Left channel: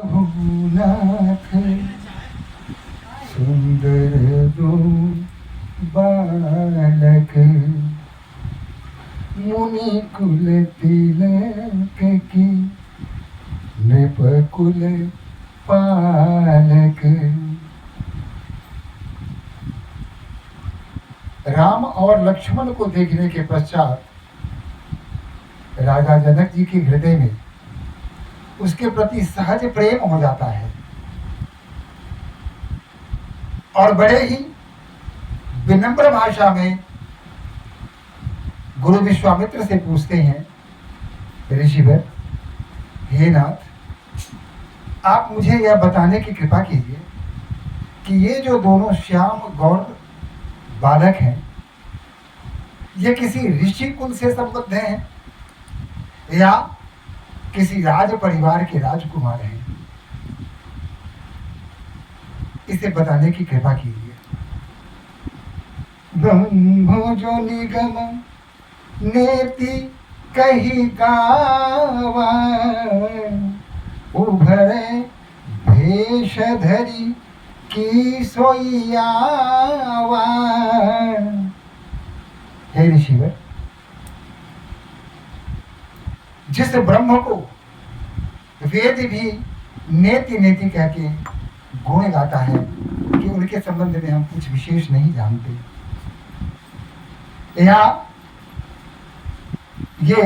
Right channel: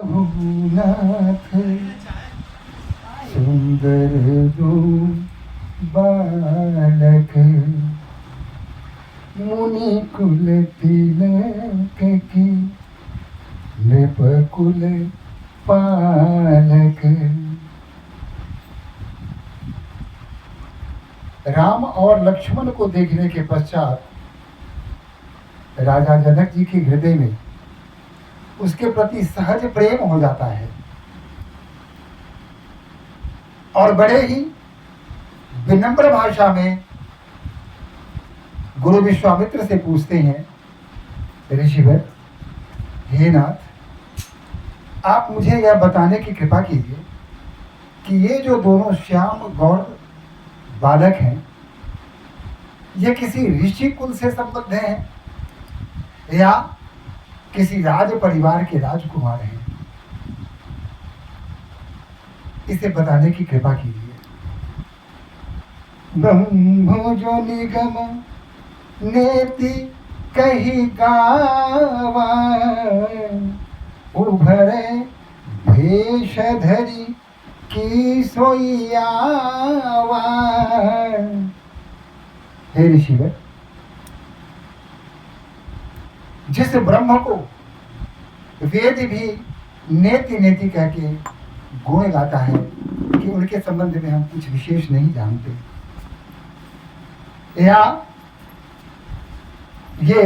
नाथ सुंदर रूप बालक मुनि कुल तिलक की नृप कुल पालक। राम और लक्ष्मण को देखने के पश्चात राजा जनक जी के हृदय में उसके प्रति सहज प्रेम हो जाता है और बड़े ही विनम्र भाषा में गुरु विश्वामित्र से पूछते हैं, ऋषिवर, हे नाथ, आप मुझे यह बताने की कृपा कीजिए कि ये जो दोनों श्याम गौर बालक हैं, ये किसी ऋषि कुल से संबद्ध हैं या किसी राज परिवार के राजकुमार हैं? इसे बताने की कृपा कीजिए। ब्रह्मो निगम नेति कही गावा उभरे भेष धरी की सोईयावा। हे ऋषिवर, जिस ब्रह्म को वेद भी नेति नेति कह के गुण गाता है कि उनके संबंध में हम कुछ विशेष नहीं जानते, या ये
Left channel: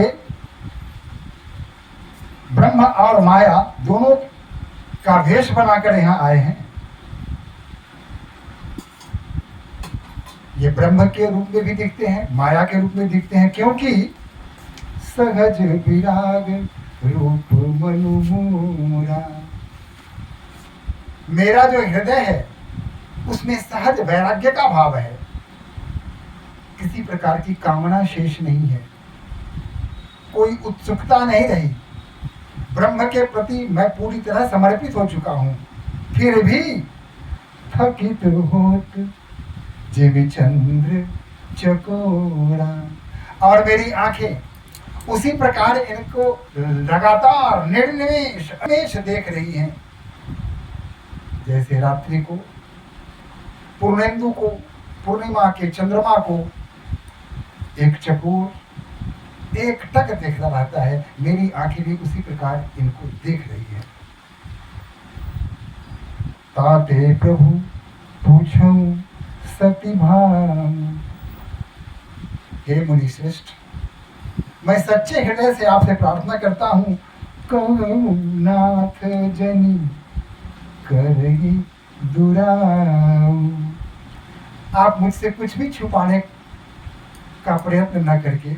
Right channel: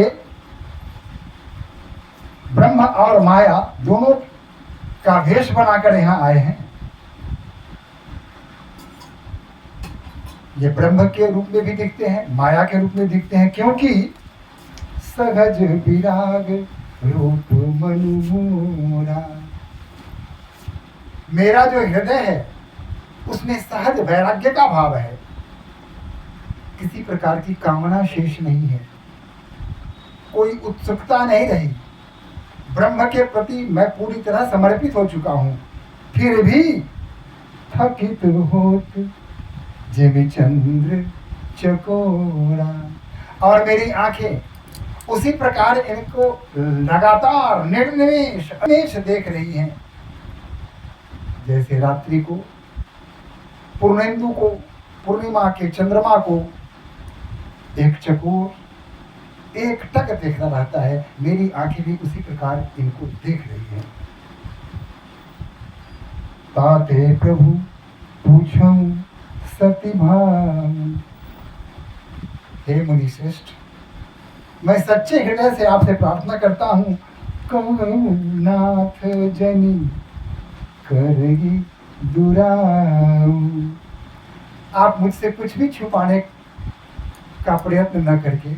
ब्रह्म और माया दोनों का वेश बनाकर यहाँ आए हैं। ये ब्रह्म के रूप में भी दिखते हैं, माया के रूप में दिखते हैं, क्योंकि सहज विराग रूप मनुमूरा। मेरा जो हृदय है उसमें सहज वैराग्य का भाव है, किसी प्रकार की कामना शेष नहीं है, कोई उत्सुकता नहीं रही। ब्रह्म के प्रति मैं पूरी तरह समर्पित हो चुका हूं, फिर भी थकित होत जिम चंद्र चकोरा। और मेरी आंखें उसी प्रकार इनको लगातार निर्निमेष अनिमेष देख रही हैं, जैसे रात्रि को, पूर्णेंदु को, पूर्णिमा के चंद्रमा को एक चकोर एक टक देखता रहता है। मेरी आंखें भी उसी प्रकार इनको देख रही हैं। ताते प्रभु पूछूं सती भान। हे मुनि श्रेष्ठ, मैं सच्चे हृदय से आपसे प्रार्थना करता हूँ, नाथ जनी करही दुराम। आप मुझसे कुछ भी छुपाने का प्रयत्न न करके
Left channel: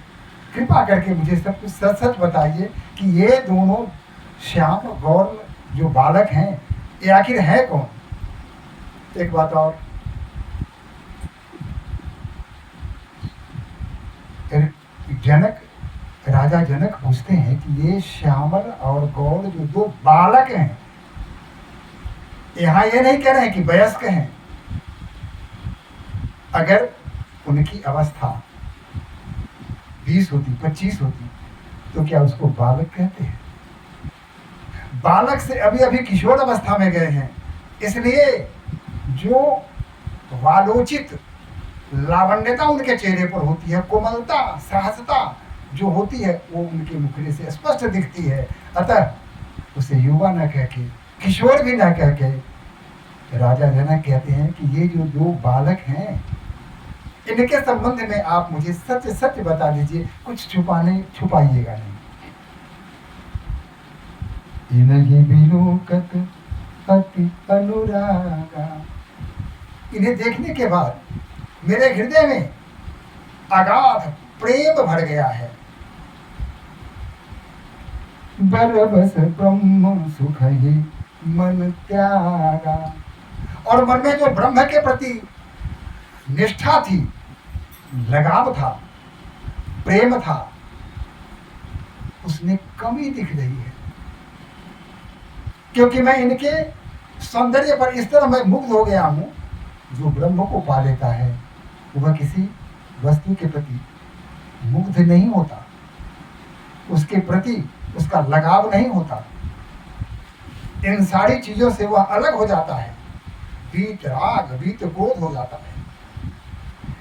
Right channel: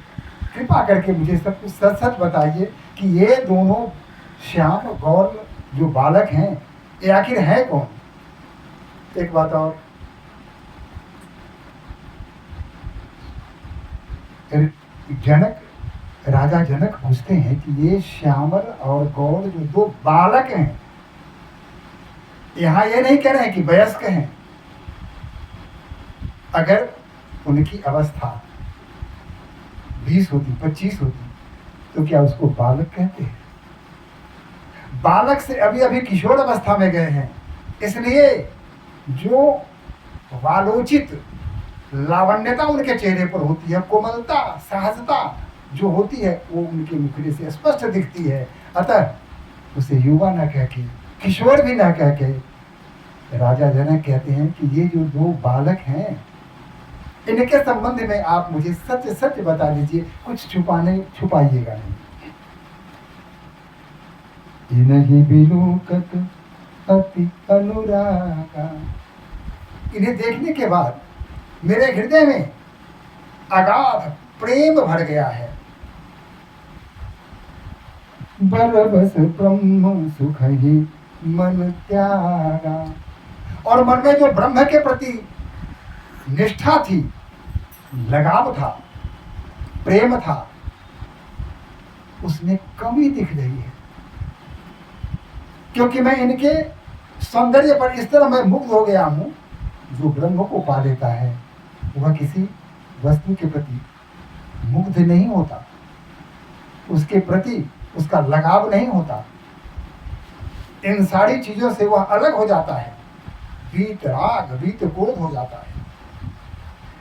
कृपा करके मुझे सब कुछ सच सच बताइए कि ये दोनों श्याम गौर जो बालक हैं, ये आखिर है कौन? एक बात और, राजा जनक पूछते हैं कि ये श्यामल और गौर जो दो बालक हैं, यहाँ ये नहीं कह रहे हैं कि वयस्क हैं। अगर उनकी अवस्था 20 होती, 25 होती, तो क्या उसको बालक कहते हैं? बालक से अभी अभी किशोर अवस्था में गए हैं, इसलिए जो वालोचित लावण्यता उनके चेहरे पर होती है, कोमलता, सहजता जो होती है, वो उनके मुखड़े से स्पष्ट दिखती है। अतः उसे युवा न कह के, किशोर भी न कह के राजा जनक कहते हैं कि ये जो दो बालक हैं, इनके संबंध में आप मुझे सच सच बता दीजिए, कुछ छुपाइएगा नहीं। इन्हीं बिलोकत अति अनुरागा। इन्हें देखने के बाद मेरे हृदय में अगाध प्रेम भर गया है। बरबस ब्रह्म सुख ही मन त्यागा। और मन में जो ब्रह्म के प्रति निष्ठा थी, लगाव था, प्रेम था, उसमें कमी दिख रही है, क्योंकि मैं इनके सौंदर्य पर इस तरह मैं मुग्ध हो गया हूं। जो ब्रह्म को पा लेता है वह किसी वस्तु के प्रति मुग्ध नहीं होता, उसके प्रति उसका लगाव नहीं होता। इन सारी चीजों से वह अलग हो जाता है, वीत राग वीत क्रोध हो जाता है।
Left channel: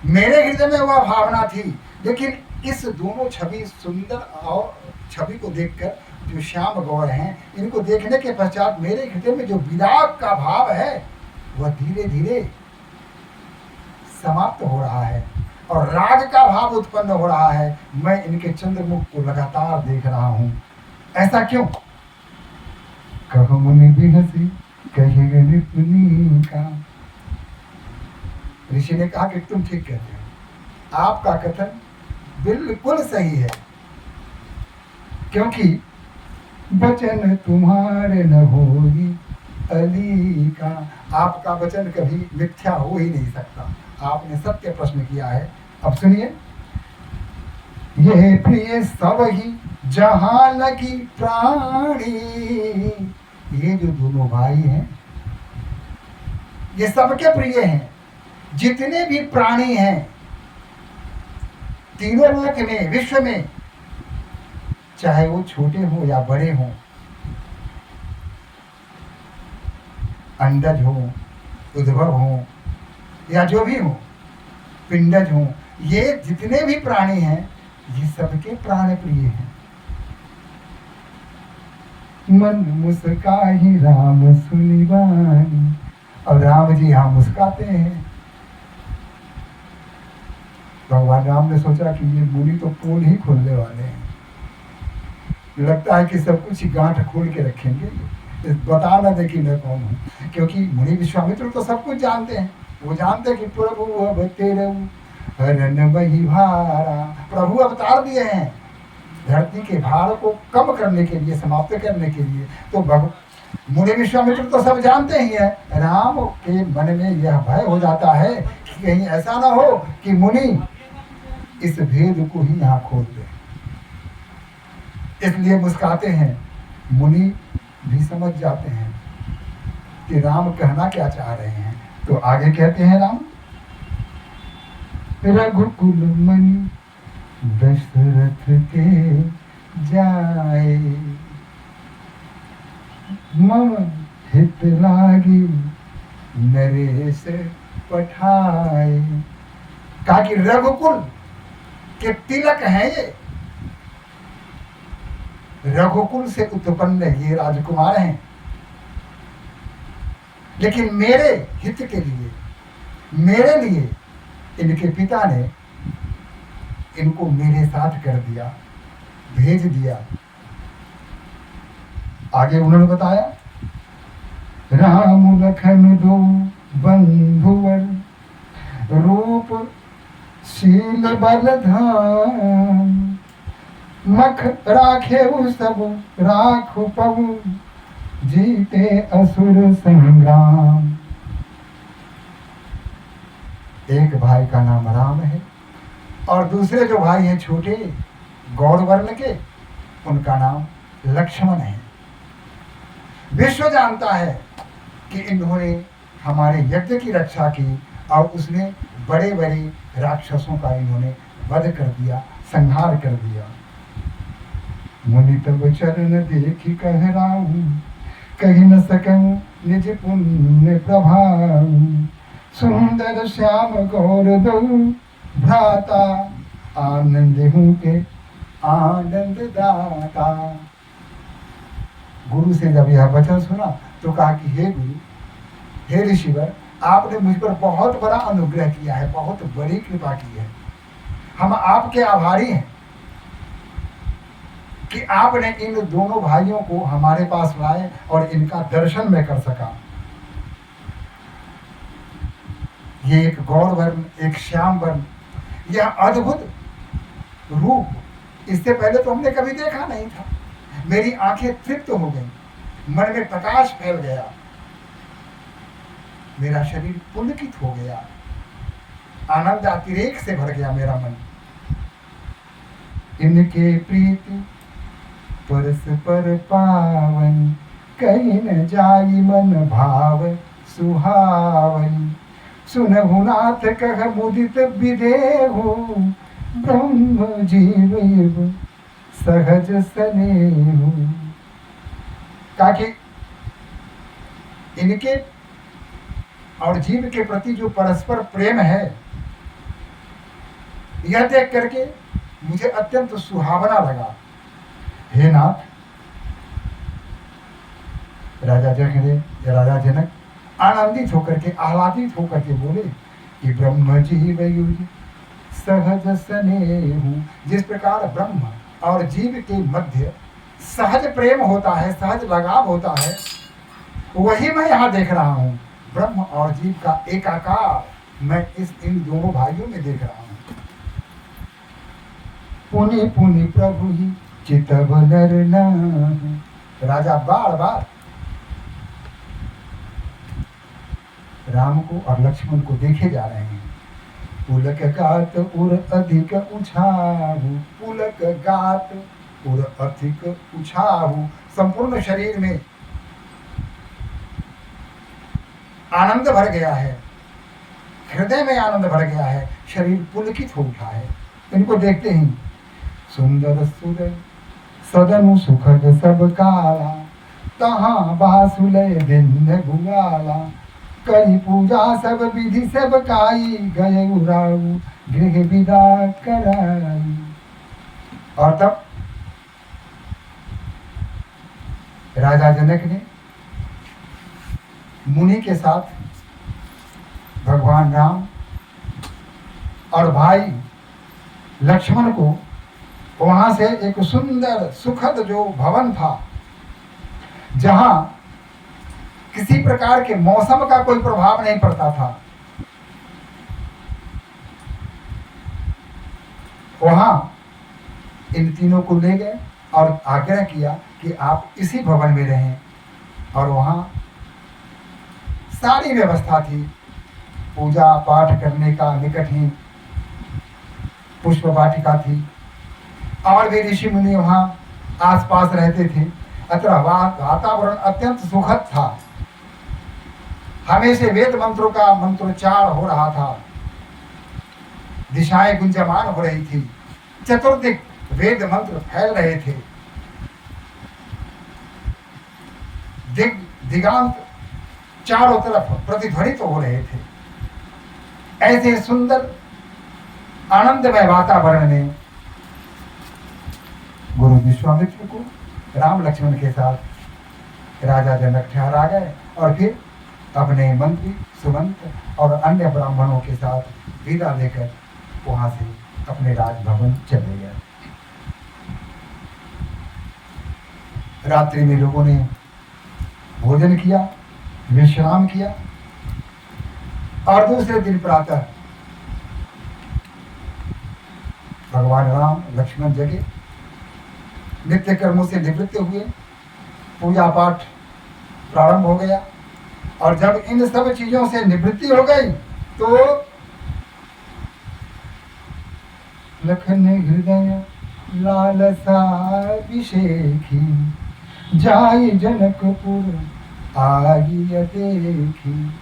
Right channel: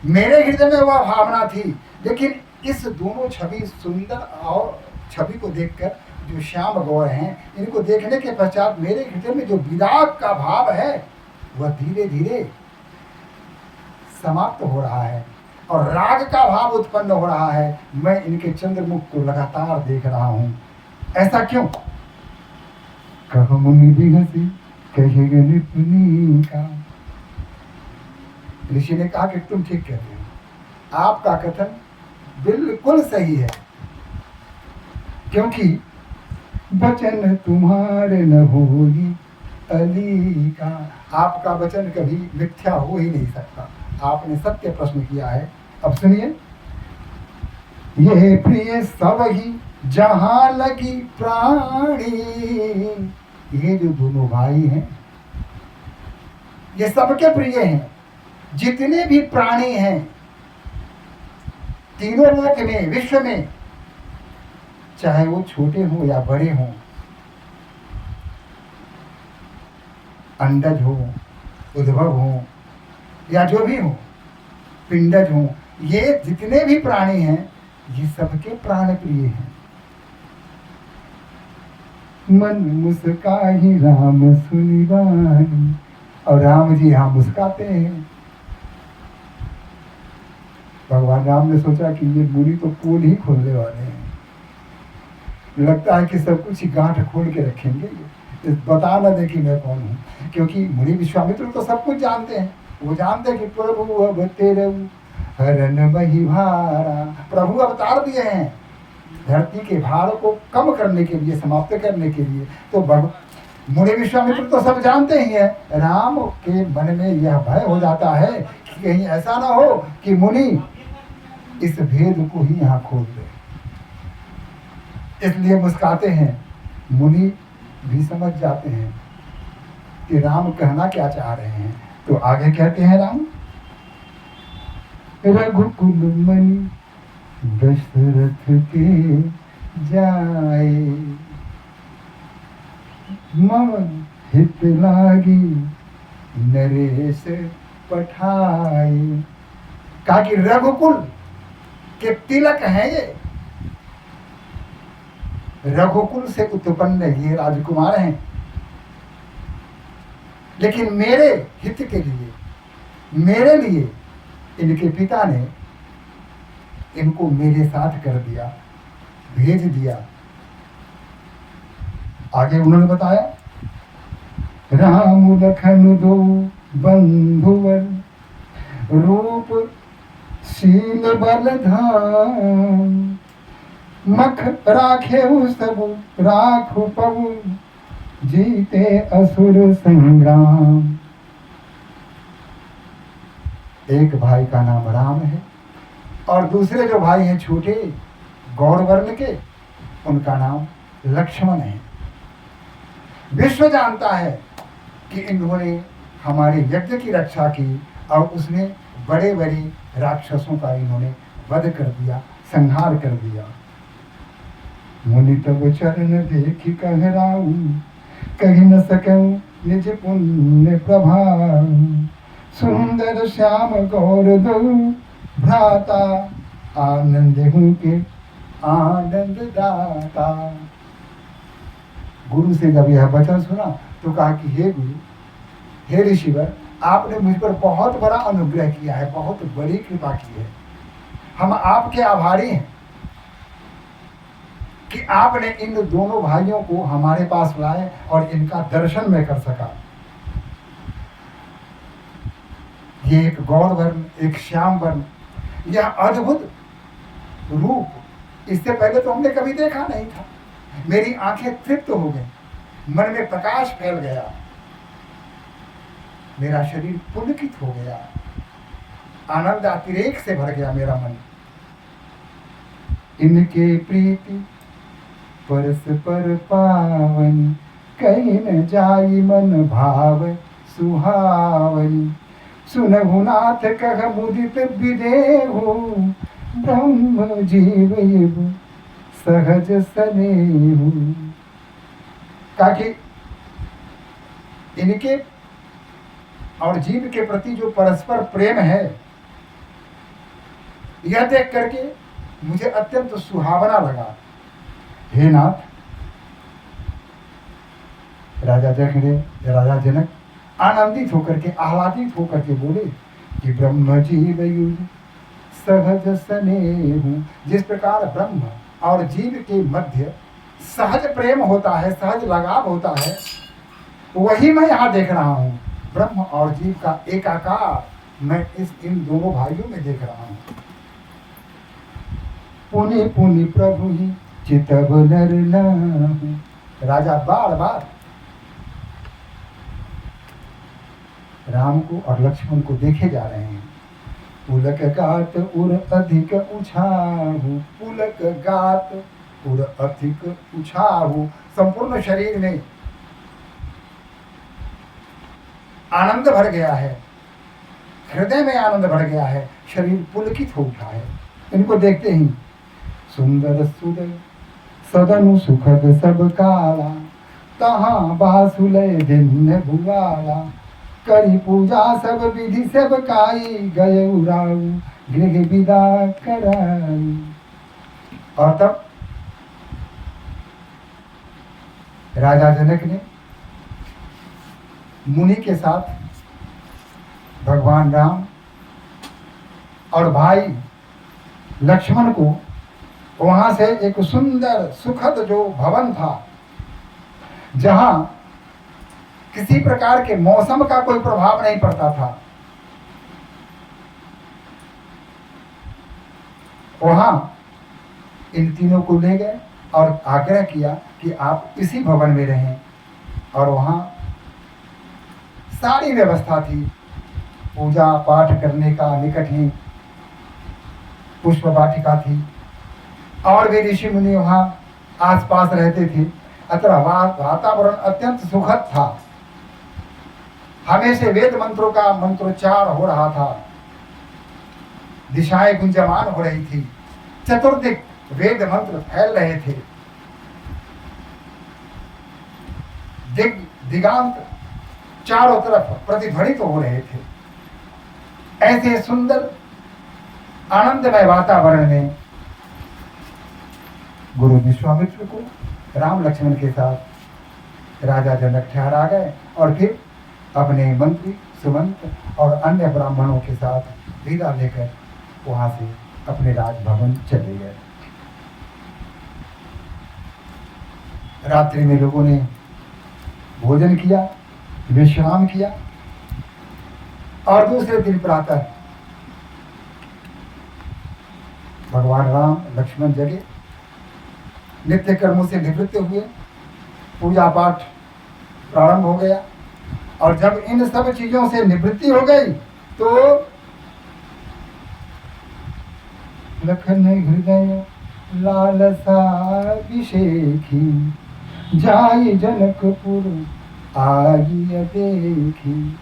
मेरे हृदय में वह भावना थी, लेकिन इस दोनों छवि सुंदर और छवि को देखकर जो श्याम गौर हैं, इनको देखने के पश्चात मेरे हृदय में जो विराग का भाव है वह धीरे धीरे समाप्त हो रहा है और राग का भाव उत्पन्न हो रहा है। मैं इनके चंद्रमुख को लगातार देख रहा हूं। ऐसा क्यों? कब मुनि भी हंसी कहेगा निपुणी का। ऋषि ने कहा कि तुम ठीक कहते हो, आपका कथन बिल्कुल सही है, क्योंकि वचन तुम्हारे न होगी अली का। आपका वचन कभी मिथ्या हो ही नहीं सकता। आपने सत्य प्रश्न किया है। अब सुनिए, ये प्रिय सब ही जहां लगी प्राणी। ये जो दोनों भाई हैं ये सबके प्रिय हैं। जितने भी प्राणी हैं तीनों लोक में, विश्व में, चाहे वो छोटे हों या बड़े हों, अंडज हो, उद्भव हो या जो भी हो, पिंडज हो, ये जितने भी प्राणी हैं ये सबके प्राण प्रिय हैं। मन मुस्काही राम सुनी वाणी। और राम जी यहाँ मुस्काते हैं। भगवान राम ने सोचा कि ये मुनि तो पोल ही खोलने वाले हैं, लगता है कि सब कुछ गांठ खोल के रखेंगे, बता ना दे कि मैं कौन हूँ। क्योंकि मुनि विश्वामित्र तो सब कुछ जानते हैं। वो जानते हैं कि प्रभु अब तेरे हरण बही भारा, प्रभु अवतार दिए हैं धरती के भार को कम करने के लिए, समाप्त करने के लिए। तो मुनि विश्वामित्र तो सब जानते ही है। राम के मन में यह भय हो जाता है कि कहीं ऐसा ना हो कि मुनि इस भेद को ही यहाँ खोल दे, इसलिए मुस्काते हैं। मुनि भी समझ जाते हैं कि राम कहना क्या चाह रहे हैं। तो आगे कहते हैं राम, रघुकुल मणि दशरथ के जाए, मम हित लागी नरेश पठाए। कहा कि रघुकुल के तिलक हैं ये, रघुकुल से उत्पन्न ये राजकुमार हैं, लेकिन मेरे हित के लिए, मेरे लिए इनके पिता ने इनको मेरे साथ कर दिया, भेज दिया। आगे उन्होंने बताया, राम लखन दो बंधुवर, रूप शील बल धाम, मख राखे सब राखु पवु, जीते असुर संग्राम। एक भाई का नाम राम है और दूसरे जो भाई हैं छोटे गौड़ वर्ण के, उनका नाम लक्ष्मण है। विश्व जानता है कि इन्होंने हमारे यज्ञ की रक्षा की और उसमें बड़े बड़े राक्षसों का इन्होंने वध कर दिया, संहार कर दिया। मुनि तब चरण देखी कहराऊ, कही न सकऊं निज पुण्य प्रभाव, सुंदर श्याम गौर दो भ्राता, आनंद हूँ के आनंद दाता। गुरु से जब यह वचन सुना तो कहा कि हे गुरु, हे ऋषिवर, आपने मुझ पर बहुत बड़ा अनुग्रह किया है, बहुत बड़ी कृपा की है। हम आपके आभारी हैं कि आपने इन दोनों भाइयों को हमारे पास लाए और इनका दर्शन मैं कर सका। ये एक गौर वर्ण, एक श्याम वर्ण, यह अद्भुत रूप, इससे पहले तो हमने कभी देखा नहीं था। मेरी आंखें तृप्त हो गई, मन में प्रकाश फैल गया, मेरा शरीर पुलकित हो गया, आनंद अतिरेक से भर गया मेरा मन। इनके प्रीति परस्पर पावन, कहीं न जाई मन भाव सुहावन, सुनहु नाथ कह मुदित विदेहु, ब्रह्म जीव सहज स्नेहु। कहा कि इनके और जीव के प्रति जो परस्पर प्रेम है, यह देख करके मुझे अत्यंत सुहावना लगा। हे नाथ, राजा जनक आनंदित होकर के, आह्लादित होकर के बोले कि ब्रह्म जीव युज सहज स्नेहु। जिस प्रकार ब्रह्म और जीव के मध्य सहज प्रेम होता है, सहज लगाव होता है, वही मैं यहाँ देख रहा हूँ। ब्रह्म और जीव का एकाकार मैं इन दोनों भाइयों में देख रहा हूँ। पुनि पुनि प्रभु ही चितव नर नाहु। राजा बार बार राम को और लक्ष्मण को देखे जा रहे हैं। पुलक गात उर अधिक उछाहु, पुलक गात उर अधिक उछाहु। संपूर्ण शरीर में आनंद भर गया है, हृदय में आनंद भर गया है, शरीर पुलकित हो उठा है। इनको देखते ही सुंदर सुदर सदनु सुखद सब काला, तहाँ बासुलय दिन भुलाला। करी पूजा सब विधि सब काई, गए उराऊ गृह विदा कराई। और तब राजा जनक ने मुनि के साथ भगवान राम और भाई लक्ष्मण को वहां से एक सुंदर सुखद जो भवन था, जहां किसी प्रकार के मौसम का कोई प्रभाव नहीं पड़ता था, वहां इन तीनों को ले गए और आग्रह किया कि आप इसी भवन में रहें। और वहां सारी व्यवस्था थी, पूजा पाठ करने का, निकट ही पुष्प वाटिका थी, और भी ऋषि मुनि वहां आसपास रहते थे। अतः वातावरण अत्यंत सुखद था। हमेशा वेद मंत्रों का मंत्रोच्चार हो रहा था, दिशाएं गुंजमान हो रही थी, चतुर्दिक वेद मंत्र फैल रहे थे, दिगांत चारों तरफ प्रतिध्वनित हो रहे थे। ऐसे सुंदर आनंदमय वातावरण में गुरु विश्वामित्र को राम लक्ष्मण के साथ राजा जनक ठहरा गए और फिर अपने मंत्री सुमंत और अन्य ब्राह्मणों के साथ विदा लेकर वहां से अपने राजभवन चले गए। रात्रि में लोगों ने भोजन किया, विश्राम किया, और दूसरे दिन प्रातः भगवान राम लक्ष्मण जगे, नित्य कर्मों से निवृत्त हुए, पूजा पाठ प्रारंभ हो गया। और जब इन सब चीजों से निवृत्ति हो गई तो लखन हृदय लालसा अभिषेखी, जाय जनकपुर आई देखी।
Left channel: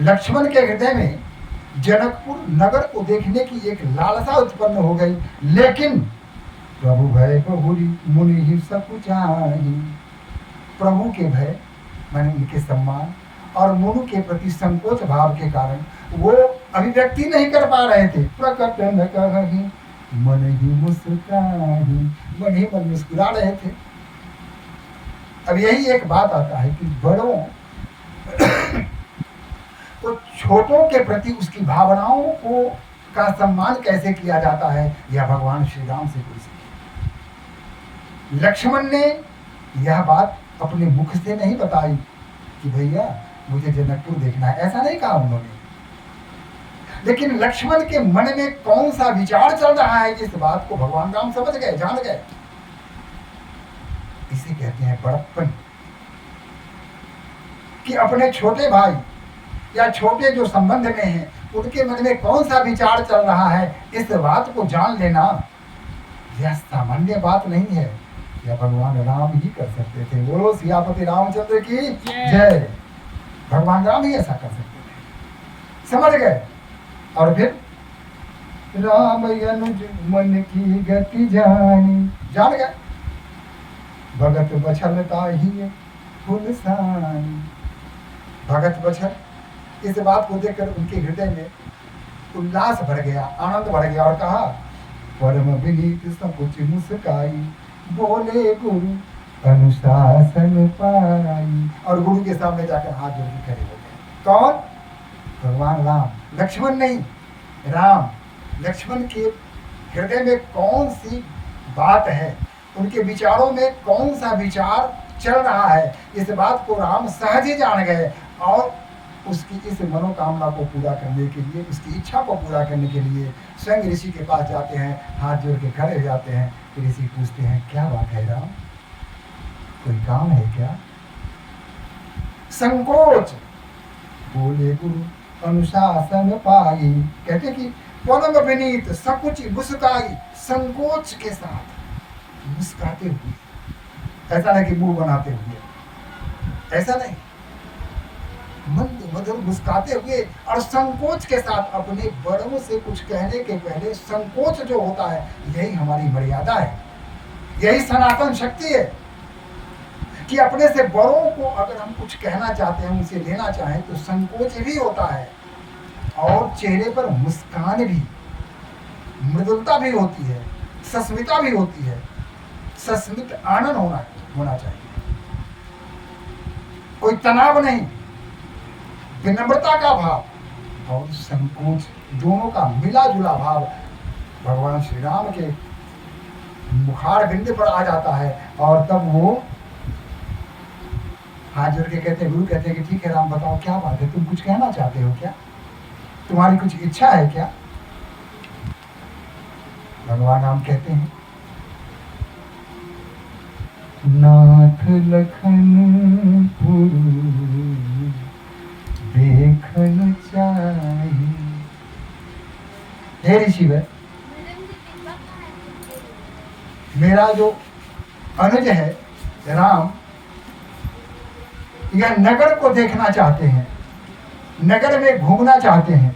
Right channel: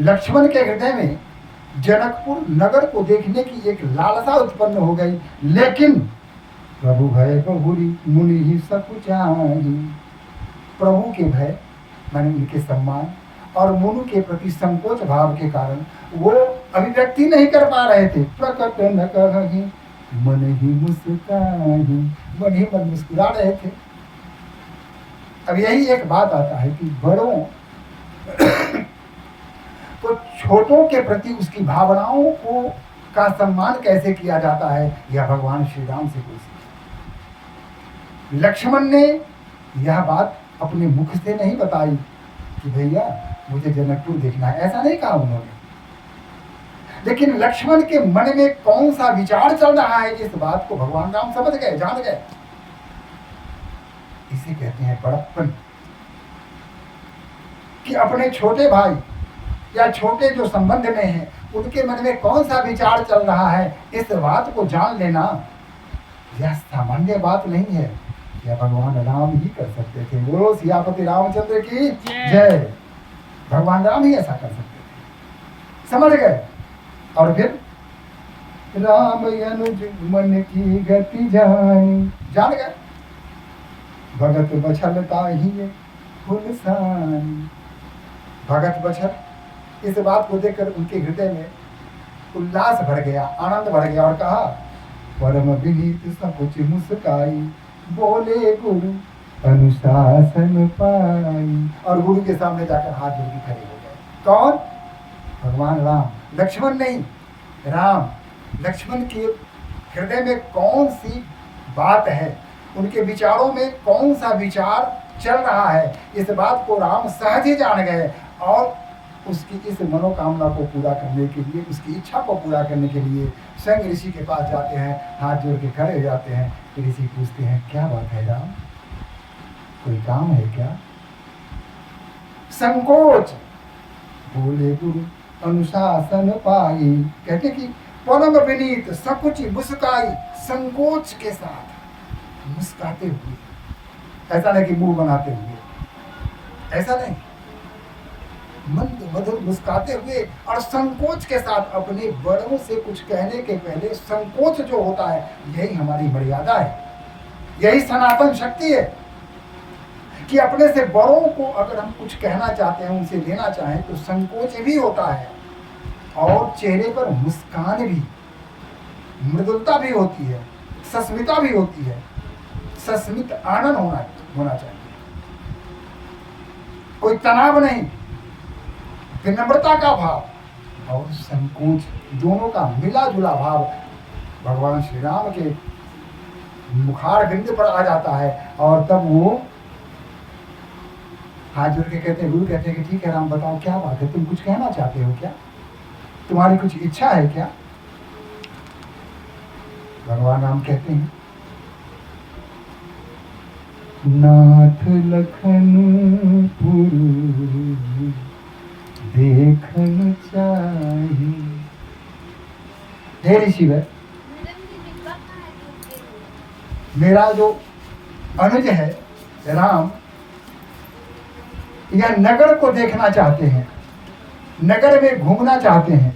लक्ष्मण के हृदय में जनकपुर नगर को देखने की एक लालसा उत्पन्न हो गई, लेकिन प्रभु भय बहुरी मुनि ही सकुचाई। प्रभु के भय माने उनके सम्मान और मुनु के प्रति संकोच भाव के कारण वो अभिव्यक्ति नहीं कर पा रहे थे। प्रकट न कहि मन ही मुस्कुराही, मन ही मन मुस्कुरा रहे थे। अब यही एक बात आता है कि बड़ों तो छोटों के प्रति उसकी भावनाओं को का सम्मान कैसे किया जाता है, यह भगवान श्री राम से कोई सीखे। लक्ष्मण ने यह बात अपने मुख से नहीं बताई कि भैया मुझे जनकपुर देखना है, ऐसा नहीं कहा उन्होंने। लेकिन लक्ष्मण के मन में कौन सा विचार चल रहा है, इस बात को भगवान राम समझ गए, जान गए। इसे कहते हैं बड़प्पन, कि अपने छोटे भाई या छोटे जो संबंध में हैं उनके मन में कौन सा विचार चल रहा है, इस बात को जान लेना यह सामान्य बात नहीं है। यह भगवान राम ही कर सकते थे। बोलो सियापति रामचंद्र की जय। भगवान राम ही ऐसा कर सकते थे, समझ गए। और फिर राम अनुज मन की गति जानी, जान गए। भगत बछलता ही फुलसानी। भगत बचन इस बात को देखकर उनके हृदय में उल्लास भर गया, आनंद भर गया और कहा, परम विनीत सकुच मुस्काई, बोले गुरु अनुशासन पाई। और गुरु के सामने जाकर हाथ जोड़ के खड़े हो गए। कौन? भगवान राम, लक्ष्मण नहीं, राम। लक्ष्मण के हृदय में कौन सी बात है, उनके विचारों में कौन सा विचार चल रहा है, इस बात को राम सहज ही जान गए और उसकी इस मनोकामना को पूरा करने के लिए, उसकी इच्छा को पूरा करने के लिए स्वयं ऋषि के पास जाते हैं, हाथ जोड़ के खड़े हो जाते हैं। ऋषि पूछते हैं, क्या बात है राम, कोई काम है क्या? संकोच। बोले गुरु अनुशासन पाई। कहते कि परम विनीत सकुच मुस्काई, संकोच के साथ मुस्काते हुए, ऐसा नहीं कि मुंह बनाते हुए, ऐसा नहीं, मंद मधुर मुस्काते हुए और संकोच के साथ। अपने बड़ों से कुछ कहने के पहले संकोच जो होता है, यही हमारी मर्यादा है, यही सनातन शक्ति है कि अपने से बड़ों को अगर हम कुछ कहना चाहते हैं, उनसे लेना चाहें, तो संकोच भी होता है और चेहरे पर मुस्कान भी, मृदुलता भी होती है, सस्मिता भी होती है, सस्मित आनंद होना चाहिए, कोई तनाव नहीं, विनम्रता का भाव और संकोच दोनों का मिला जुला भाव भगवान श्री राम के मुखार बिंद पर आ जाता है। और तब वो हाथ जोड़ के कहते हैं, गुरु कहते हैं कि ठीक है राम, बताओ क्या बात है, तुम कुछ कहना चाहते हो क्या, तुम्हारी कुछ इच्छा है क्या? भगवान राम कहते हैं, नाथ लखन पुरु देखन चाहिए। हे ऋषिवर, मेरा जो अनुज है राम, यह नगर को देखना चाहते हैं, नगर में घूमना चाहते हैं।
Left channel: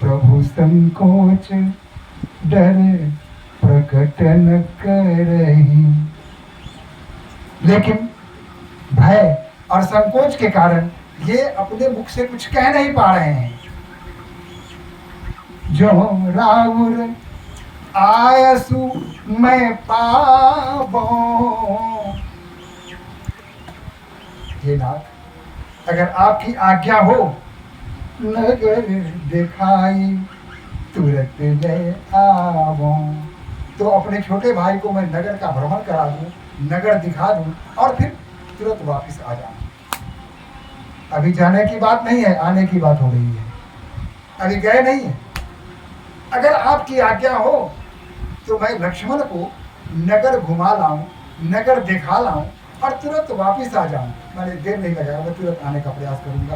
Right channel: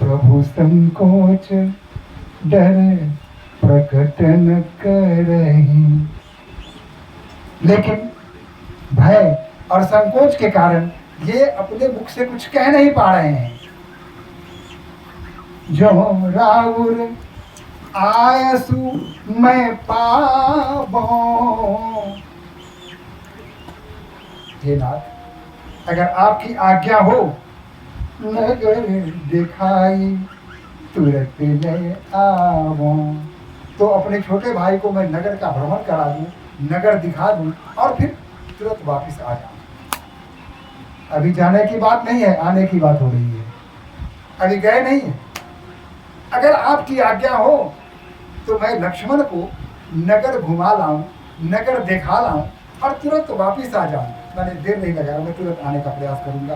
प्रभु संकोच डर प्रकटन करही, लेकिन भय और संकोच के कारण ये अपने मुख से कुछ कह नहीं पा रहे हैं। जो राउर आयसु मैं पाबो। हे नाथ, अगर आपकी आज्ञा हो, नगर दिखाई तुरंत ले आवो, तो अपने छोटे भाई को मैं नगर का भ्रमण करा दूं, नगर दिखा दूं और फिर तुरंत वापस आ जाऊं। अभी जाने की बात नहीं है, आने की बात हो रही है, अभी गए नहीं है। अगर आपकी आज्ञा हो तो मैं लक्ष्मण को नगर घुमा लाऊं, नगर दिखा लाऊं और तुरंत वापस आ जाऊं। मैंने देर नहीं लगाया, मैं तुरंत आने का प्रयास करूंगा,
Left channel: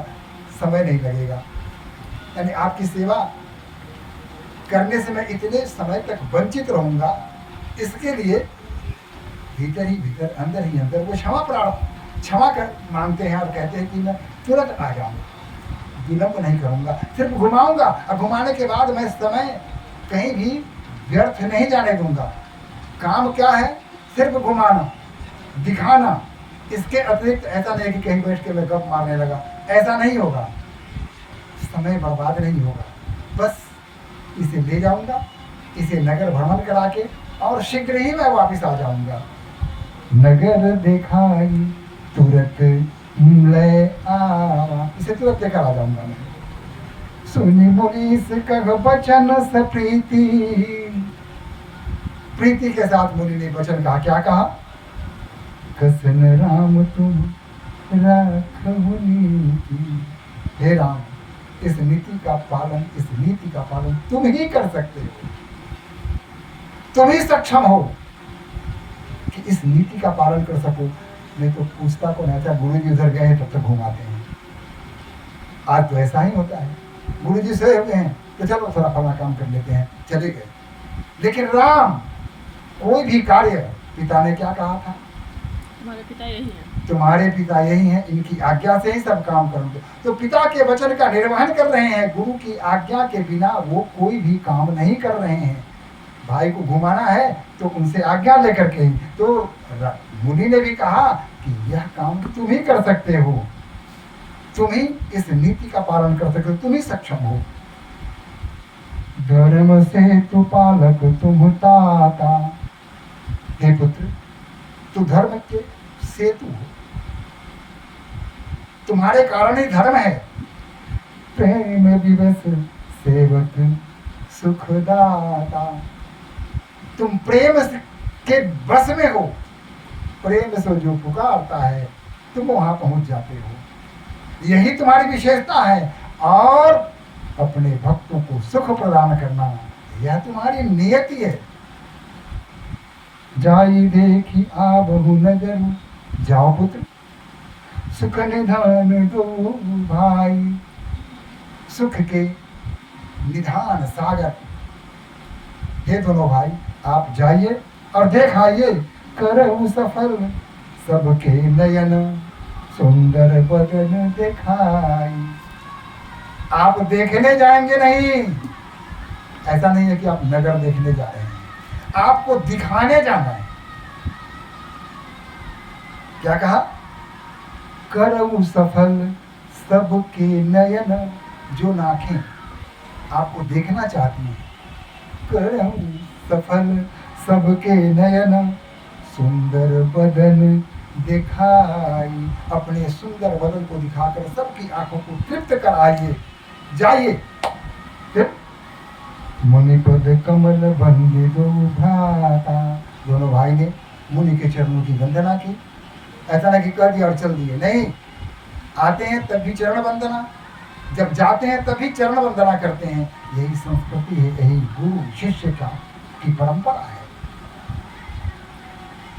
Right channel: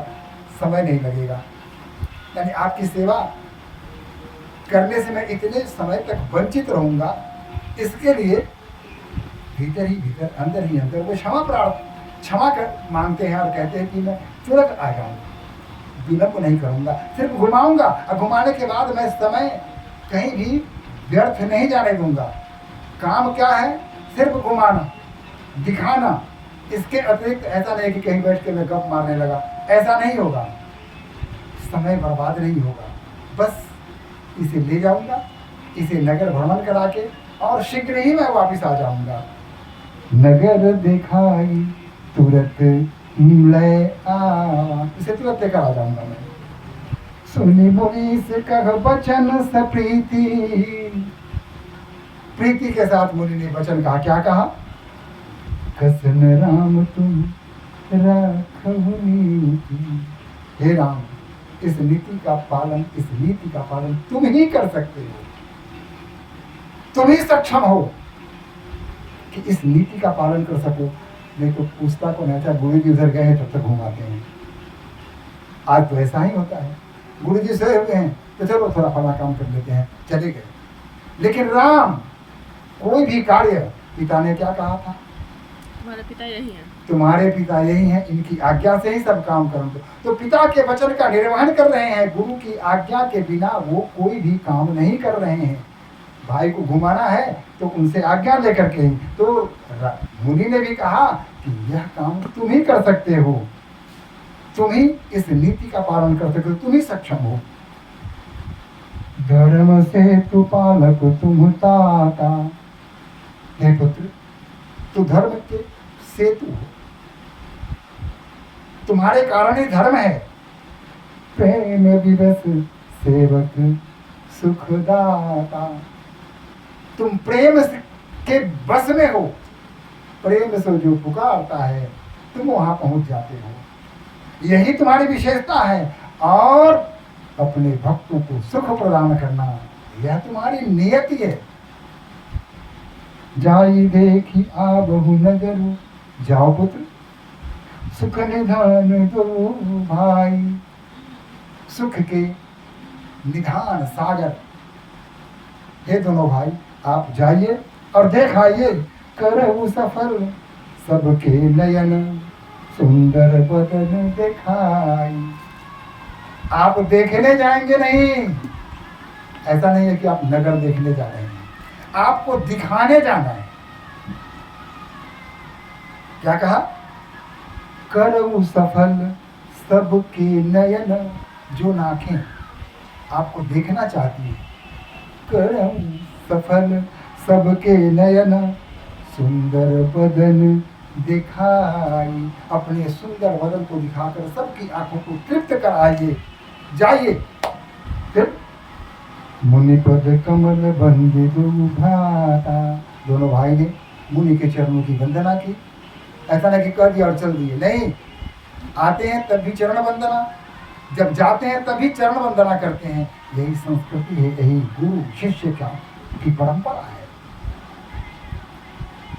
समय नहीं लगेगा। यानी आपकी सेवा करने से मैं इतने समय तक वंचित रहूंगा, इसके लिए भीतर ही भीतर, अंदर ही अंदर वो क्षमा कर मांगते हैं और कहते हैं कि मैं तुरंत आ जाऊंगा, विलंब नहीं करूंगा, सिर्फ घुमाऊंगा। और घुमाने के बाद मैं समय कहीं भी व्यर्थ नहीं जाने दूंगा। काम क्या है? सिर्फ घुमाना, दिखाना। इसके अतिरिक्त ऐसा नहीं कि कहीं बैठ के मैं गप मारने लगा, ऐसा नहीं होगा, समय बर्बाद नहीं होगा। बस इसे ले जाऊंगा, इसे नगर भ्रमण करा के और शीघ्र ही मैं वापस आ जाऊंगा। नगर दिखाई तुरंत ले आवा, इसे तुरंत लेकर आ जाऊंगा मैं। सुनी मुनीस कह बचन स प्रीति, प्रीति के साथ मुनि ने वचन कहा। क्या कहा? कसन राम तुम राखहु नीति। हे राम, इस नीति का पालन तुम ही कर सकते हो, तुम ही सक्षम हो कि इस नीति का पालन कर सको। नहीं तो पूछता को नहीं था, गुरु जी उधर गए हैं तब तक घुमाते हैं। आज तो ऐसा ही होता है, गुरु जी सोए हुए हैं तो चलो थोड़ा फला काम कर लेते हैं, चले गए। लेकिन राम, कोई भी कार्य, पिता ने क्या कहा था? तुम्हारे पिता यही हैं, तुम्हारे पिता यही हैं, इनकी आज्ञा से ही सब काम करोगे। तो पिता के वचन का निर्वहन कर रहे हैं, गुरु की आज्ञा के बिना वो कोई भी काम नहीं कर रहे हैं। भाई को घुमाना है तो उनसे आज्ञा लेकर के। तो मुनि ने भी कहा कि यह काम तुम ही कर सकते हो, तुम ही इस नीति का पालन कर सकते हो, तुम ही सक्षम हो। धर्म से तु पालक तुम ताता, हे पुत्र तू धर्म के सेतु हो, तुम्हारे कारण ही धर्म है। प्रेम दिवस सेवक सुखदाता, तुम प्रेम के बस में हो, प्रेम से जो पुकारता है तुम वहां पहुंच जाते हो, यही तुम्हारी विशेषता है। और अपने भक्तों को सुख प्रदान करना यह तुम्हारी नियति है। जाई देखी आबहु नगरु, जाओ पुत्र सुख निधान दो भाई, सुख के निधान सागर, हे दोनों भाई आप जाइए और देखाइए, करहु सफल सबके नयन, सुंदर बदन दिखाई। आप देखने जाएंगे नहीं, ऐसा नहीं है कि आप नगर देखने जा रहे हैं, आपको दिखाने जाना है। क्या कहा? करहु सफल सबके नयन, जो नाखें आपको देखना चाहती है, करहु सफल सबके नयन, सुंदर बदन दिखाई, अपने सुंदर बदन को दिखाकर सबकी आंखों को तृप्त कराइए। जाइए। फिर मुनिपद कमल बंदे दो भ्राता, दोनों भाई ने मुनि के चरणों की वंदना की। ऐसा नहीं कि कह दिया और चल दिए, नहीं, आते हैं तब भी चरण वंदना, जब जाते हैं तभी चरण वंदना करते हैं। यही संस्कृति है, यही गुरु शिष्य की परंपरा है,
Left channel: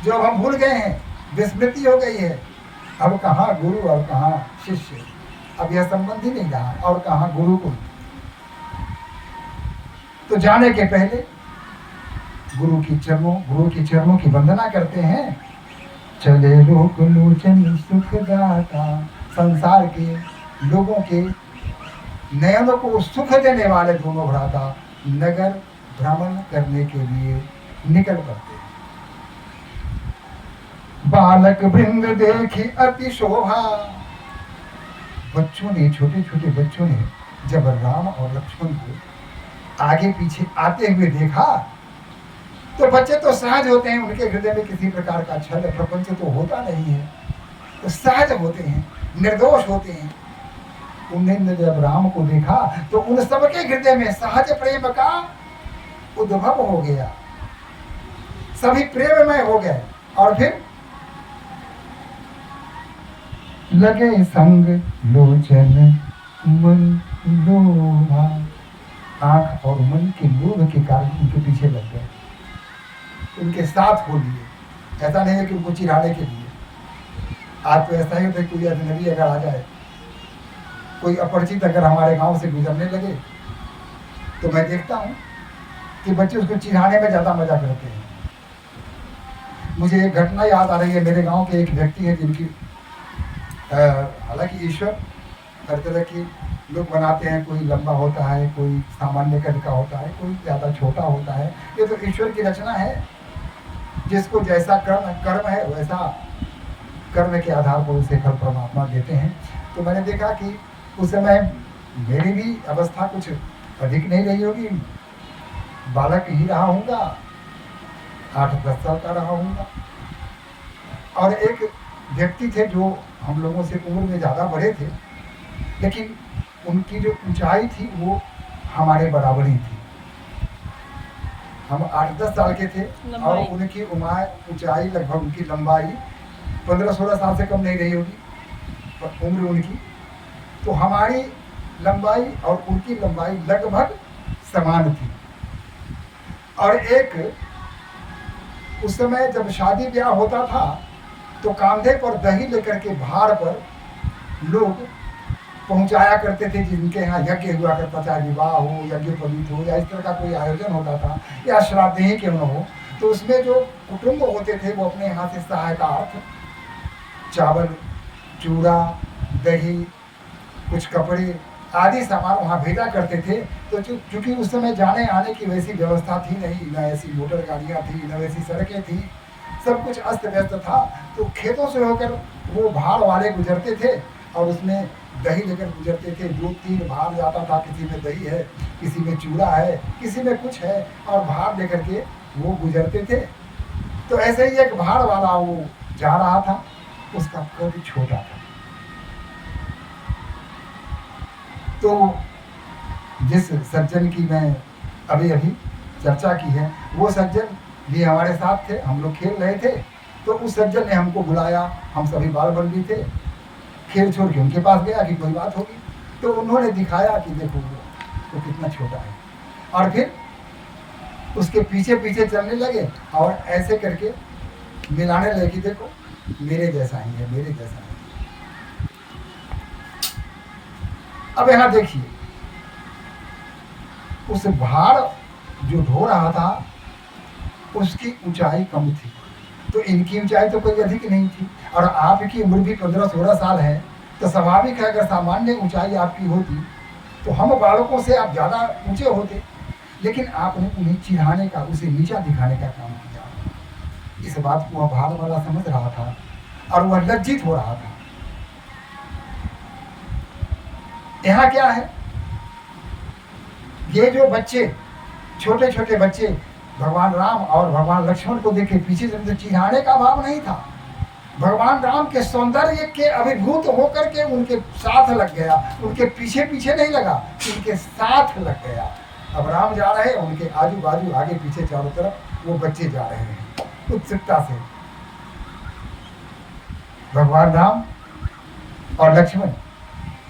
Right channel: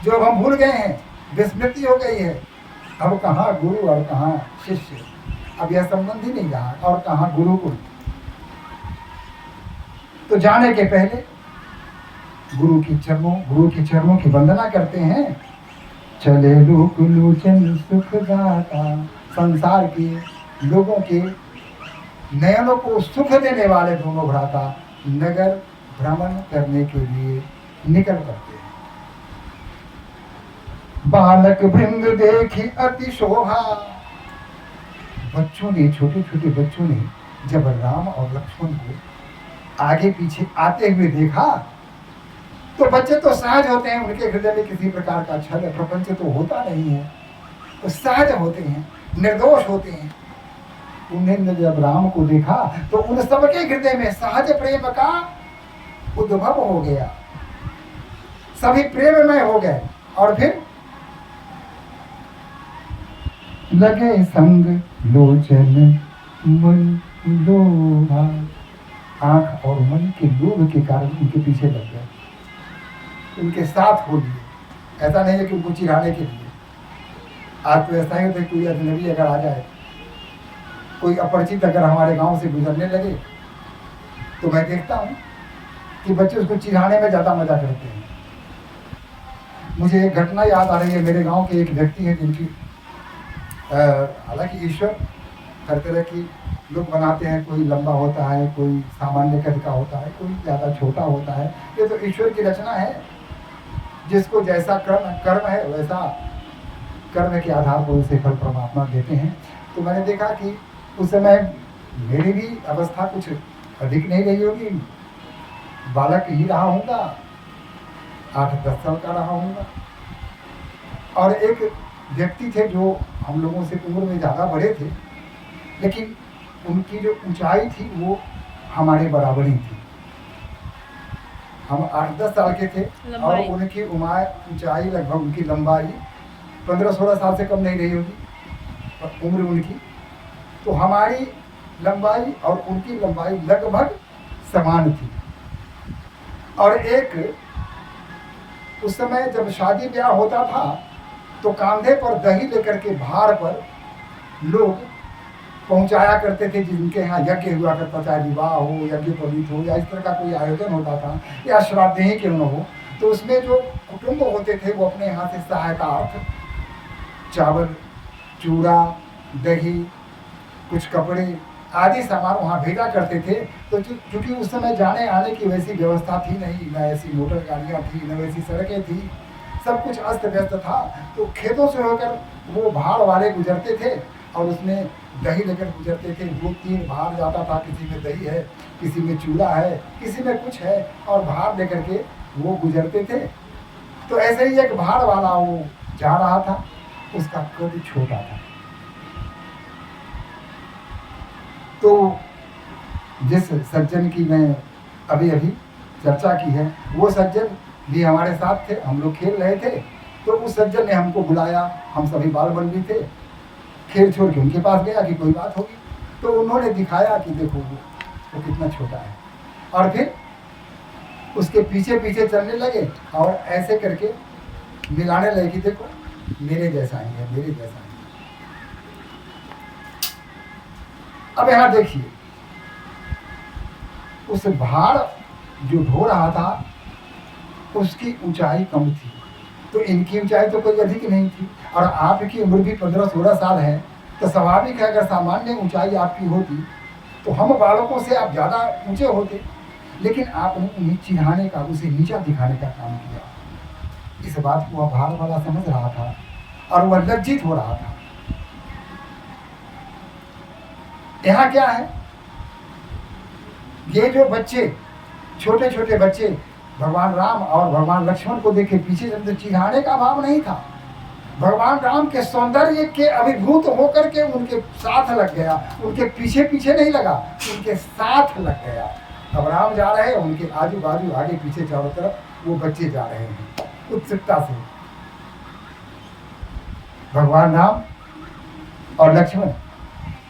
जो अब हम भूल गए हैं, विस्मृति हो गई है। अब कहाँ गुरु और कहाँ शिष्य, अब यह संबंध ही नहीं रहा, और कहाँ गुरुकुल। तो जाने के पहले गुरु के चरणों की वंदना करते हैं। चले लोक लोचन सुखदाता, संसार के लोगों के नयनों को सुख देने वाले दोनों भ्राता नगर भ्रमण करने के लिए निकल पड़ते हैं। बालक वृंद देखी अति शोभा, बच्चों ने, छोटे छोटे बच्चों ने जब राम और लक्ष्मण को आगे पीछे आते हुए देखा, तो बच्चे तो सहज होते हैं, उनके हृदय में किसी प्रकार का छल प्रपंच तो होता नहीं है, तो सहज होते हैं, निर्दोष होते हैं। उन्होंने जब राम को देखा तो उन सबके हृदय में सहज प्रेम का उद्भव हो गया, सभी प्रेममय हो गए। और फिर लगे संग लोचन मन लोभा, आंख और मन के लोभ के कारण उनके पीछे लग गए, उनके साथ हो लिए। ऐसा नहीं है कि उनको चिढ़ाने के लिए। आज तो ऐसा ही होता है, कोई अजनबी अगर आ जाए, कोई अपरिचित अगर हमारे गांव से गुजरने लगे, तो मैं देखता हूँ कि बच्चे उसको चिढ़ाने में ज़्यादा मजा करते हैं। मुझे एक घटना याद आ रही है। मेरे गांव के एक व्यक्ति हैं जिनकी, हालांकि ईश्वर हर तरह की लोग बनाते हैं, कोई लंबा होता है, कोई सामान्य कद का होता है, कोई ज़्यादा छोटा होता है। ये तो ईश्वर की रचना है, जिसको जैसा कर्म है वैसा कर्म के आधार पर उसे फल परमात्मा देते हैं। तो मैंने देखा कि उस समय मेरी भी अवस्था कुछ अधिक नहीं रही होगी, बालक ही रहा हूँगा, 8-10 साल का रहा हूँगा। और एक व्यक्ति थे जो हम लोगों से उम्र में ज़्यादा बड़े थे, लेकिन उनकी जो ऊंचाई थी वो हमारे बराबर ही थी। हम 8-10 साल के थे और उनकी ऊंचाई लगभग, उनकी लंबाई 15-16 साल से कम नहीं रही होगी उम्र उनकी। तो हमारी लंबाई और उनकी लंबाई लगभग समान थी। और एक उस समय जब शादी ब्याह होता था तो कांधे पर दही लेकर के भार पर लोग पहुंचाया करते थे, जिनके यहाँ यज्ञ हुआ करता, चाहे विवाह हो, यज्ञोपवीत हो, या इस तरह का कोई आयोजन होता था, या श्राद्ध ही क्यों न हो। तो उसमें जो कुटुंब होते थे वो अपने यहाँ से सहायतार्थ चावल, चूड़ा, दही, कुछ कपड़े आदि सामान वहाँ भेजा करते थे। तो चूँकि उस समय जाने आने की वैसी व्यवस्था थी नहीं, न ऐसी मोटर गाड़ियाँ थी, न वैसी सड़कें थी, सब कुछ अस्त व्यस्त था। तो खेतों से होकर वो भाड़ वाले गुजरते थे और उसमें दही लेकर गुजरते थे। 2-3 भाड़ जाता था, किसी में दही है, किसी में चूड़ा है, किसी में कुछ है, और भाड़ लेकर के वो गुजरते थे। तो ऐसे ही एक भाड़ वाला वो जा रहा था, उसका कद छोटा था। तो जिस सज्जन की मैं अभी अभी चर्चा की है, वो सज्जन भी हमारे साथ थे, हम लोग खेल रहे थे। तो उस सज्जन ने हमको बुलाया, हम सभी बाल बंदी थे, खेल छोड़ के उनके पास गया कि कोई बात होगी। तो उन्होंने दिखाया कि देखो वो कितना छोटा है, और फिर उसके पीछे पीछे चलने लगे और ऐसे करके मिलाने लगे कि देखो मेरे जैसा ही है, मेरे जैसा ही है। अब यहाँ देखिए, उस भाड़ जो ढो रहा था उसकी ऊंचाई कम थी, तो इनकी ऊंचाई तो कोई अधिक नहीं थी, और आपकी उम्र भी 15-16 साल है। तो स्वाभाविक है, अगर सामान्य ऊंचाई आपकी होती तो हम बालकों से आप ज़्यादा ऊंचे होते, लेकिन आपने उन्हें चिढ़ाने का, उसे नीचा दिखाने का काम किया। इस बात को वह भाड़ वाला समझ रहा था और वह लज्जित हो रहा था। यहाँ क्या है, ये जो बच्चे, छोटे छोटे बच्चे भगवान राम और भगवान लक्ष्मण को देखे पीछे चलते, तो चिढ़ाने का भाव नहीं था। भगवान राम के सौंदर्य के अभिभूत होकर के उनके साथ लग गया, उनके पीछे पीछे नहीं लगा, उनके साथ लग गया। अब राम जा रहे हैं, उनके आजू बाजू आगे पीछे चारों तरफ वो बच्चे जा रहे हैं उत्सुकता से। भगवान राम और लक्ष्मण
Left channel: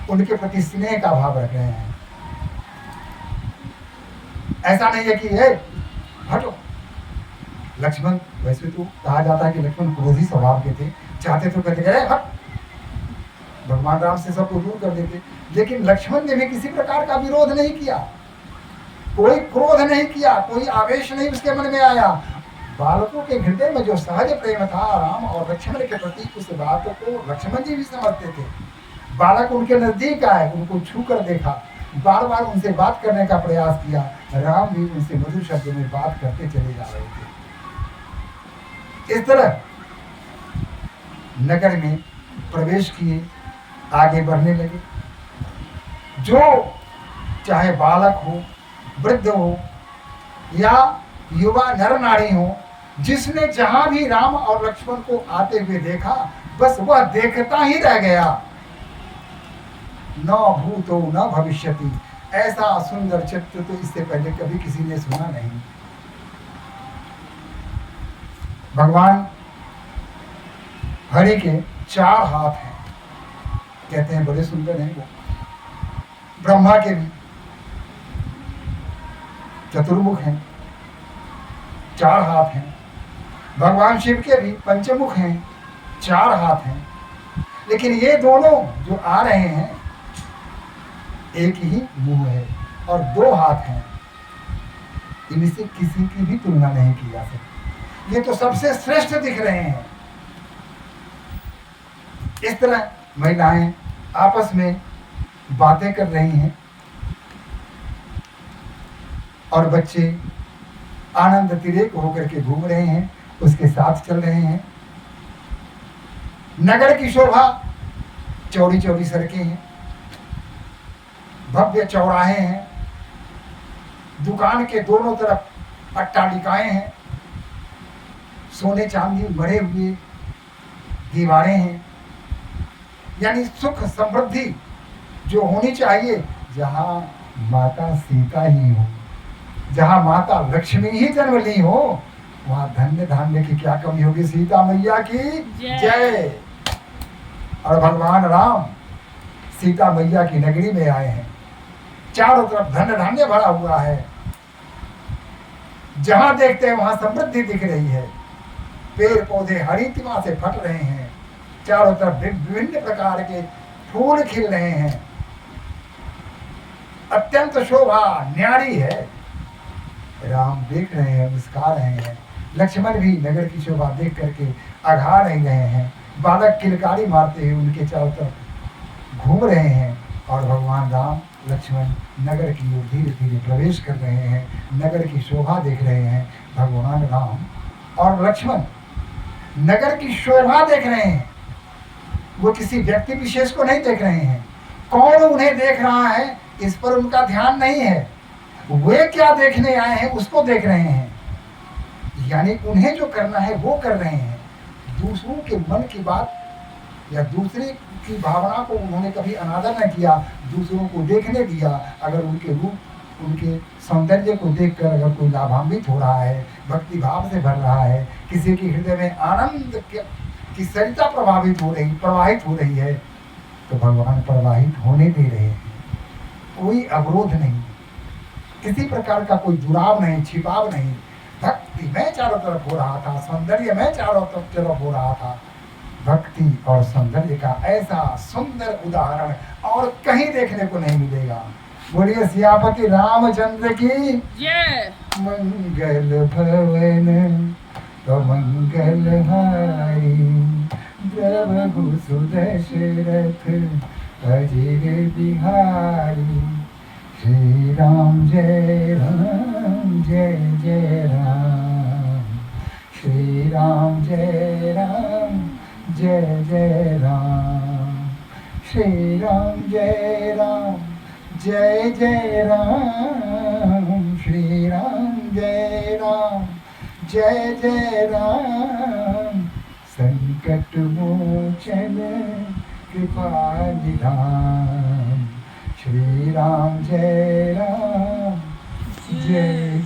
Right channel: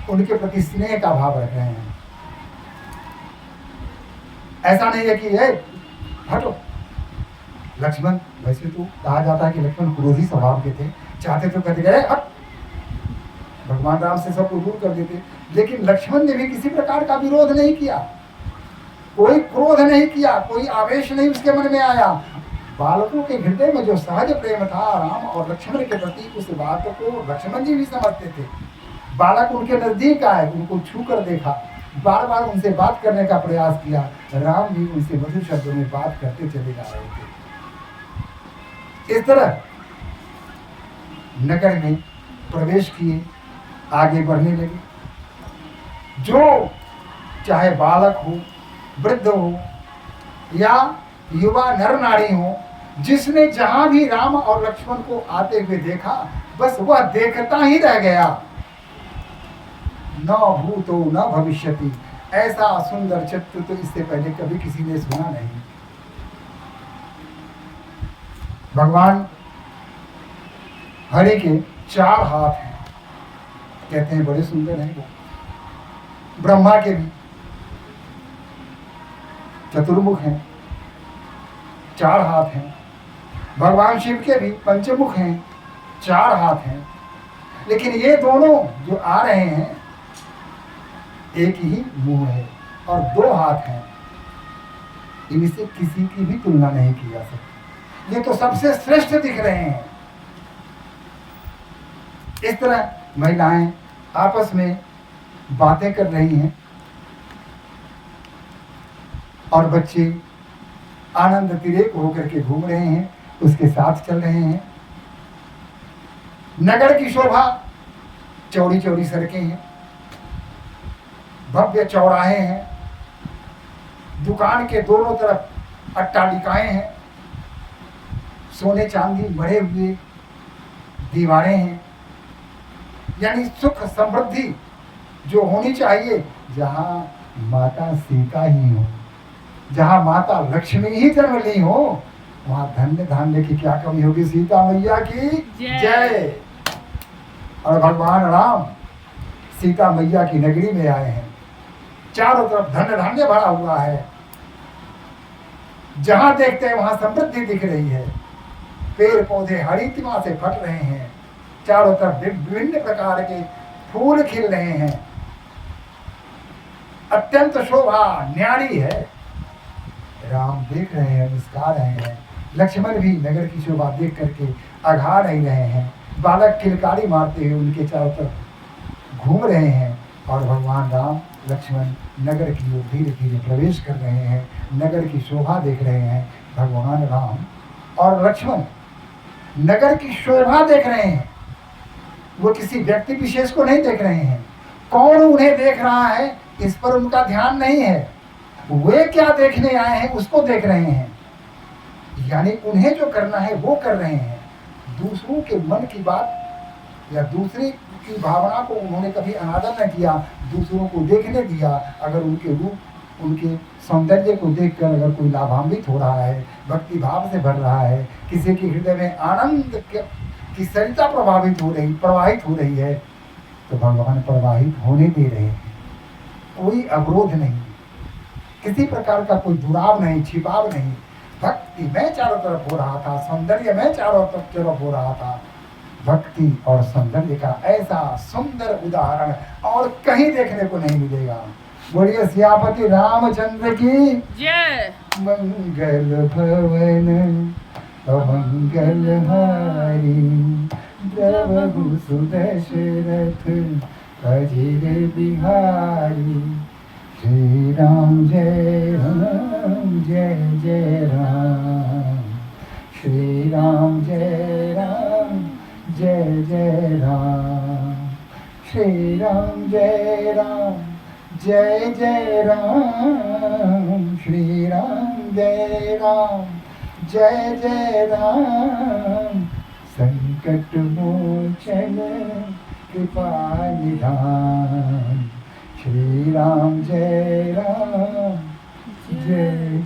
उनके प्रति स्नेह का भाव रख रहे हैं। ऐसा नहीं है कि ये हटो। लक्ष्मण, वैसे तो कहा जाता है कि लक्ष्मण क्रोधी स्वभाव के थे, चाहते तो कहते गए हट, भगवान राम से सबको दूर कर देते। लेकिन लक्ष्मण ने भी किसी प्रकार का विरोध नहीं किया, कोई क्रोध नहीं किया, कोई आवेश नहीं उसके मन में आया। बालकों के हृदय में जो सहज प्रेम था राम और लक्ष्मण के प्रति, उस बात को लक्ष्मण जी भी समझते थे। बालक उनके नजदीक आए, उनको छू कर देखा, बार बार उनसे बात करने का प्रयास किया। राम भी उनसे मधुर शब्दों में बात करते चले जा रहे थे। इस तरह नगर में प्रवेश किए, आगे बढ़ने लगे। जो चाहे बालक हो, वृद्ध हो या युवा नर नारी हो, जिसने जहां भी राम और लक्ष्मण को आते हुए देखा, बस वह देखता ही रह गया। न भूतो न भविष्यति, ऐसा सुंदर चित्र तो इससे पहले कभी किसी ने सुना नहीं। भगवान हरि के 4 हाथ हैं, कहते हैं बड़े सुंदर हैं वो। ब्रह्मा के भी चतुर्मुख हैं, 4 हाथ हैं। भगवान शिव के भी पंचमुख हैं, 4 हाथ हैं। लेकिन ये दोनों जो आ रहे हैं, एक ही मुंह है और 2 हाथ हैं। इनसे किसी की भी तुलना नहीं की जा सकती, ये तो सबसे श्रेष्ठ दिख रहे हैं। इस तरह महिलाएं आपस में बातें कर रही हैं और बच्चे आनंद तिरेक होकर के घूम रहे हैं, उसके साथ चल रहे हैं। नगर की शोभा, चौड़ी चौड़ी सड़कें हैं, भव्य चौराहे हैं, दुकान के दोनों तरफ अट्टालिकाएं हैं, सोने चांदी मढ़े हुए दीवारें हैं। यानी सुख समृद्धि जो होनी चाहिए, जहां माता सीता ही हो, जहां माता लक्ष्मी ही जन्म ली हो, वहां धन्य धान्य की क्या कमी होगी। सीता मैया की जय। और भगवान राम सीता मैया की नगरी में आए हैं, चारों तरफ धन्य धान्य भरा हुआ है, जहां देखते हैं वहां समृद्धि दिख रही है। पेड़ पौधे हरितिमा से फट रहे हैं, चारों तरफ विभिन्न प्रकार के फूल खिल रहे हैं, अत्यंत शोभा न्यारी है। राम देख रहे हैं, मुस्कुरा रहे हैं। लक्ष्मण भी नगर की शोभा देख करके अघा नहीं रहे हैं। बालक किलकारी मारते हुए उनके चारों तरफ घूम रहे हैं और भगवान राम लक्ष्मण नगर की ओर धीरे धीरे प्रवेश कर रहे हैं, नगर की शोभा देख रहे हैं। भगवान राम और लक्ष्मण नगर की शोभा देख रहे हैं, वो किसी व्यक्ति विशेष को नहीं देख रहे हैं। कौन उन्हें देख रहा है इस पर उनका ध्यान नहीं है, वे क्या देखने आए हैं उसको देख रहे हैं। यानी उन्हें जो करना है वो कर रहे हैं। दूसरों के मन की बात या दूसरे की भावना को उन्होंने कभी अनादर न किया, दूसरों को देखने दिया। अगर उनके रूप, उनके सौंदर्य को देखकर अगर कोई लाभान्वित हो रहा है, भक्ति भाव से भर रहा है, किसी के हृदय में आनंद की सरिता प्रवाहित हो रही है, तो भगवान प्रवाहित होने दे रहे हैं। कोई अवरोध नहीं, किसी प्रकार का कोई दुराव नहीं, छिपाव नहीं। भक्ति में चारों तरफ हो रहा था, सौंदर्य में चारों तरफ हो रहा था। भक्ति और सौंदर्य का ऐसा सुंदर उदाहरण और कहीं देखने को नहीं मिलेगा। बोलिए सियापति रामचंद्र की जय। मंगल भवन मंगल हारी, द्रवहु सुदशरथ अजिर बिहारी। श्री राम जय जय राम, श्री राम जय जय राम, श्री राम जय जय राम, श्री राम जय जय राम। संकट मोचन कृपा निधान, श्री राम जय जय